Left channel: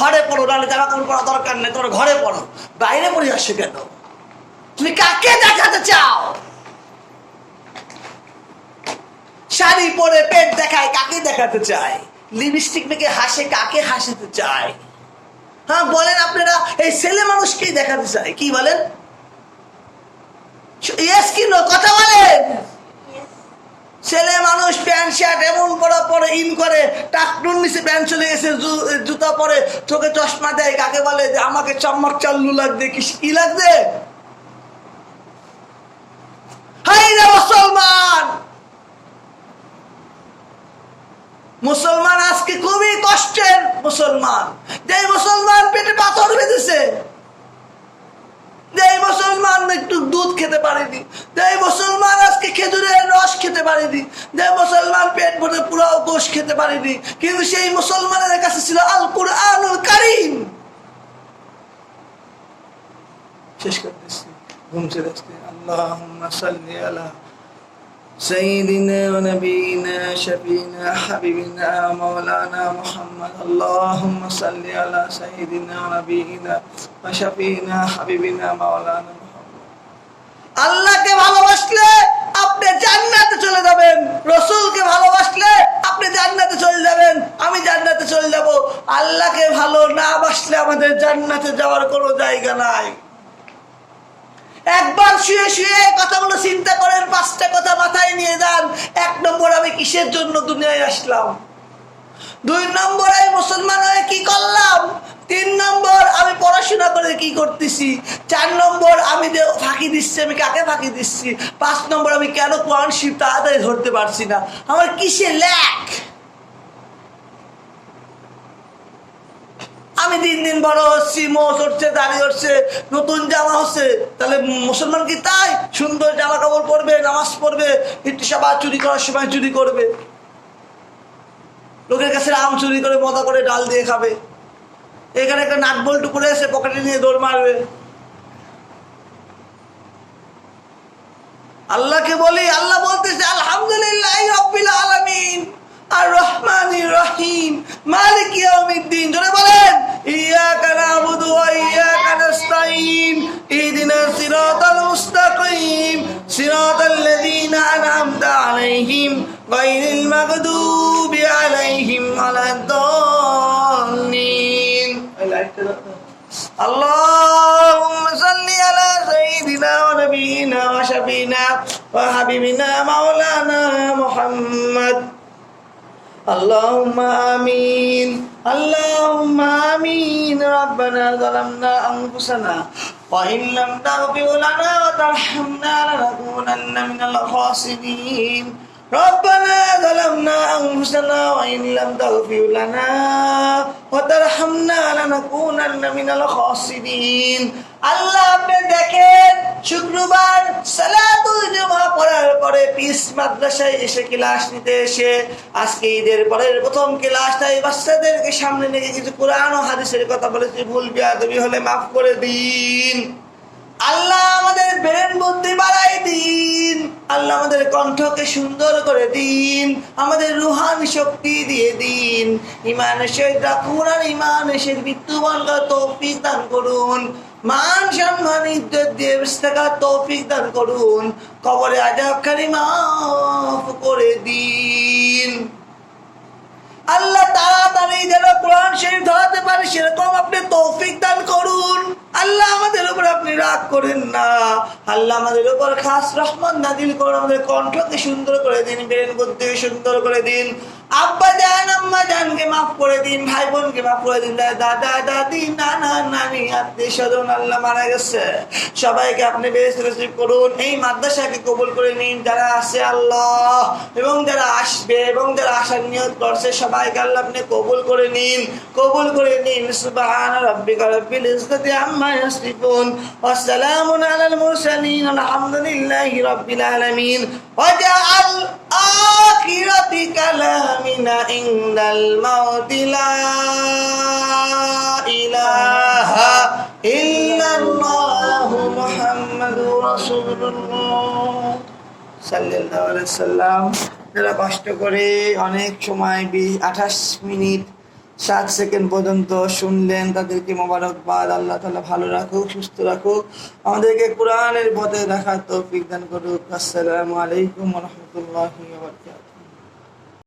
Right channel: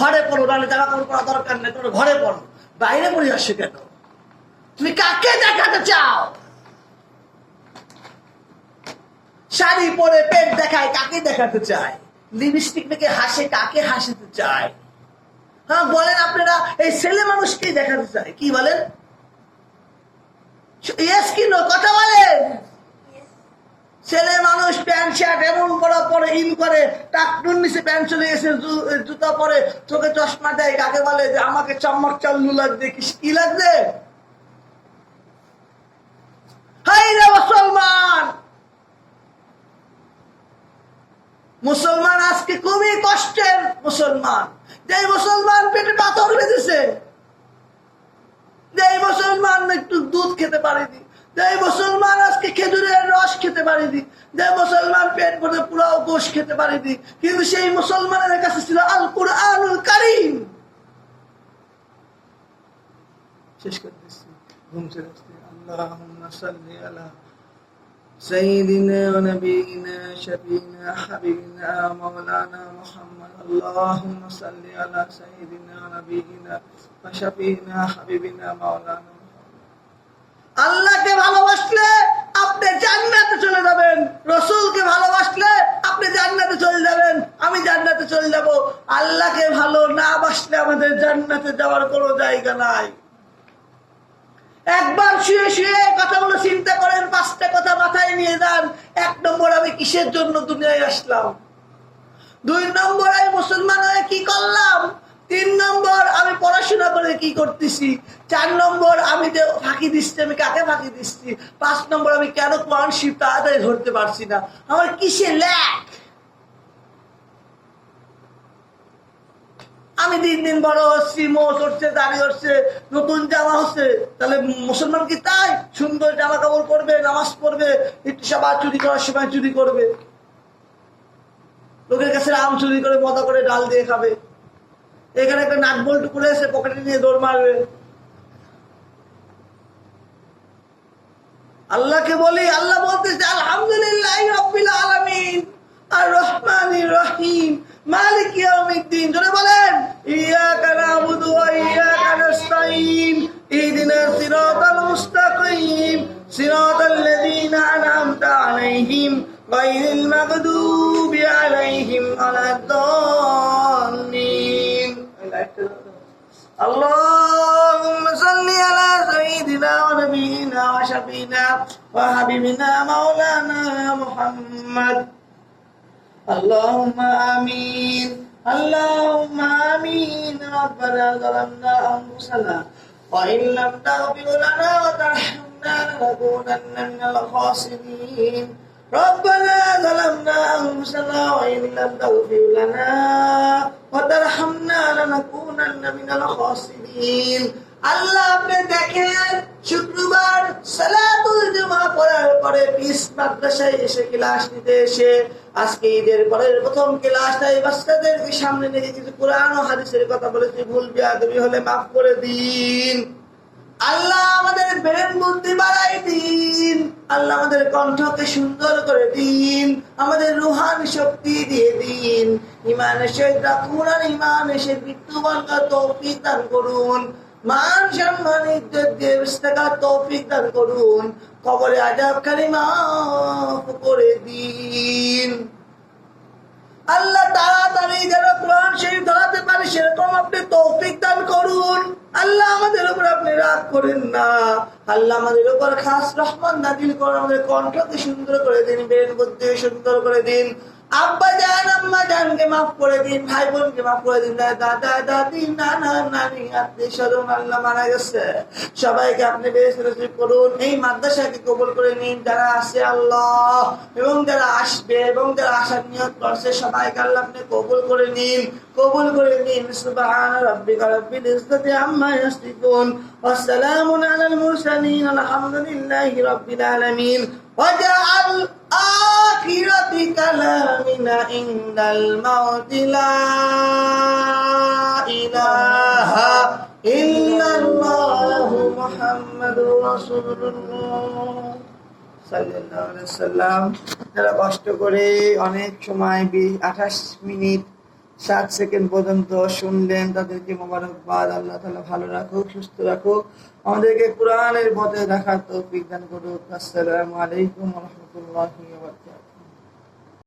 ঘরে পড়ো, নাহলে জামা কাপড় পরা দরকার নেই, তোমার ঘরে পড়ো। বাইরে পড়ে আসছে কেন? তুমি কাকে দেখাতে চাও? শাড়ি পরে পেট দেখায়, কাকে দেখাতে চায়? লিপস্টিক মেখে হাসে, কাকে হাসাতে চায়? হ্যাঁ বলেন আপনারা, এই ছেলে মানুষকেই দেখাতে চায়। কি বলেন? কথা বলেন। ছেলে মানুষ প্যান্ট শার্ট এমন পরা পরে ইন করে, টাকনুর নিচে প্যান্ট চলে গেছে, জুতা পরে, চোখে চশমা দেয়, কাকে বলে যে আমাকে চম্মক চাল্লু লাগবে, কি লাগবে? হাই রে মুসলমান! মুসলমান আজকে খুবই কষ্টের মুসলমান। যে মুসলমান পেটে পাথর বেঁধেছে, যে মুসলমান একটু দুধ খেতে পারেনি, যে মুসলমান আজকে খেজুরের রস খেতে পারেনি, যে মুসলমান পেট ভরে পুরো গোশ খেতে পারেনি, কিন্তু সেই মুসলমানের কাছে ছিল আল কুরআনুল কারীম। শেষ করতেছি, ঘুম চলে আসছে। আল্লাহুম্মা সাল্লি আলা سيدنا ونبينا شفينا حبيبنا مولانا محمد اللهم صل على سيدنا ونبينا وشفينا حبيبنا مولانا محمد। আল্লাহকে ভালোবাসলে আপনি জান্নাতে চলে যাবেন, রাসূলকে ভালোবাসলে আপনি জান্নাতে চলে যাবেন, আমি জান্নাতে চলে যাব। আল্লাহকে ভালো না বাসলে আমাদের জান্নাতে যাওয়ার কোনো জায়গা নাই। একবার শুয়ে শুয়ে কথাগুলো চিন্তা করেন, 5টা কথা মাথায় নিয়ে যান। 1 নম্বর, আমি কিসের জন্য দুনিয়ায় আসলাম? 2 নম্বর, আমি মুসলমান হয়ে কি করলাম? 3 নম্বর, আমি পড়াশোনা করে কি করতেছি? 4 নম্বর, আমি যে ফাঁকি দিচ্ছি, আমি কাকে ফাঁকি দিচ্ছি? 5 নম্বর, আমি কেন কোরআন শরীফ তাড়াতাড়ি ধরতে পারছি না? আমার কিসে ল্যাক? আমি দিন দিন বড় হচ্ছি, মোচ হচ্ছে, দাড়ি হচ্ছে, নতুন জামা হচ্ছে। তাহলে মুসলমান কি তাই সুন্দর জামা কাপড় পরবে, নামাজ পড়বে, একটু সবার চুরি করার সময় চুরি করবে, লোকের কাছে আম চুরি করে মজা করে ডাল দিয়ে খাবে, এখানে একটা নাট বল্টু করে এসে পকেটে নিয়ে দৌড় মারবে? আল্লাহকে বলি, আল্লাহ বলতেছে আলহামদুলিল্লাহ রাব্বিল আলামিন আর রহমানির রহিম মালিক ইয়াউমিদ্দিন। জোরে বলেন ইয়াকা নাবুদু ওয়া ইয়াকা নাস্তাঈন ইহদিনাস সিরাতাল মুস্তাকিম সিরাতাল লাযীনা আন'আমতা আলাইহিম গায়রিল মাগদুবি আলাইহিম ওয়ালাদ-দাল্লিন। আল্লাহুম্মা সাল্লি আলা সাইয়্যিদিনা ওয়া নাবিয়িনা ওয়া শাফিনা ওয়া হাবিবিনা মাওলানা মুহাম্মদ। اللهم آمين اللهم آمين ربنا ظلمنا أنفسنا وإن لم تغفر لنا وترحمنا لنكونن من الخاسرين ربنا ظلمنا أنفسنا وإن لم تغفر لنا وترحمنا لنكونن من الخاسرين। আল্লাহ আপনি দেখেন, শুক্রবার সালাতুল জুমা পড়ার পরে পিস মাদ্রাসায় এসে ক্লাস নিতে এসে আজকে ঈদের পরের প্রথম ক্লাসটাই বাচ্চাদেরকে সামনে নিয়ে কিছু কোরআন ও হাদিসের কথা বলেছি, ভুল বিয়াদবি হলে মাফ করে দিন। আল্লাহ আমাদের ব্রেন বুদ্ধি বাড়াই দিন, আল্লাহ আমাদের কণ্ঠকে সুন্দর করে দিন, আমাদের রুহানি শক্তি দিয়ে দিন, ইমানের সহিত রাখুন আর ইমানের সহিত মৃত্যুবরণ করার তৌফিক দান করুন, মান সম্মান ইজ্জত দিয়ে বেঁচে থাকার তৌফিক দান করুন, কবরে আযাবখানি মাফ করে দিন। আল্লাহ তাড়াতাড়ি যেন কোরআন শরীফ ধরাতে পারে সেরকম আপনি তৌফিক দান করুন। আল্লাহ আমাদের উপর আপনি রাগ করেন না, আল্লাহ আমাদের উপর খাস রহমত নাজিল করুন, আমাদের কণ্ঠকে সুন্দর করে দিন, ব্রেন বুদ্ধিকে সুন্দর করে দিন। আব্বা জান আম্মা জানকে মাফ করে দিন, ভাই বোনকে মাফ করে দিন, দাদা দাদি নানা নানি আত্মীয় স্বজন আল্লাহ মারা গেছে সবাইকে আপনি বেহেশতে নসিব করুন। এই মাদ্রাসাকে কবুল করে নিন, যারা আছে আল্লাহ এবং যারা আসবে এবং যারা আসার নিয়ত করছে সবাইকে আল্লাহ আপনি কবুল করে নিন, কবুল করে নিন। সুবহান রাব্বিকা রাব্বিল ইজ্জাতি আম্মা ইয়াসিফুন ওয়া সালামুন আলাল মুরসালিন আলহামদুলিল্লাহি রাব্বিল আলামিন। ওয়াজআল আখিরাতি কালামিনা ইনদাল মাউতি লা ইলাহা ইল্লাল্লাহু মুহাম্মাদুর রাসূলুল্লাহ সাল্লাল্লাহু আলাইহি সাল্লাম। যারা কষ্ট করে অনেক সময় 28 মিনিট 7 সেকেন্ড পর্যন্ত শুনলেন, তাদেরকে মোবারকবাদ। আল্লাহ তাআলা ভালো রাখুক, সুস্থ রাখুক, আমাদেরকে কোরআনের পথে রাখার তৌফিক দান করুক। আসসালামু আলাইকুম ওয়া রাহমাতুল্লাহি ওয়া বারাকাতুহু।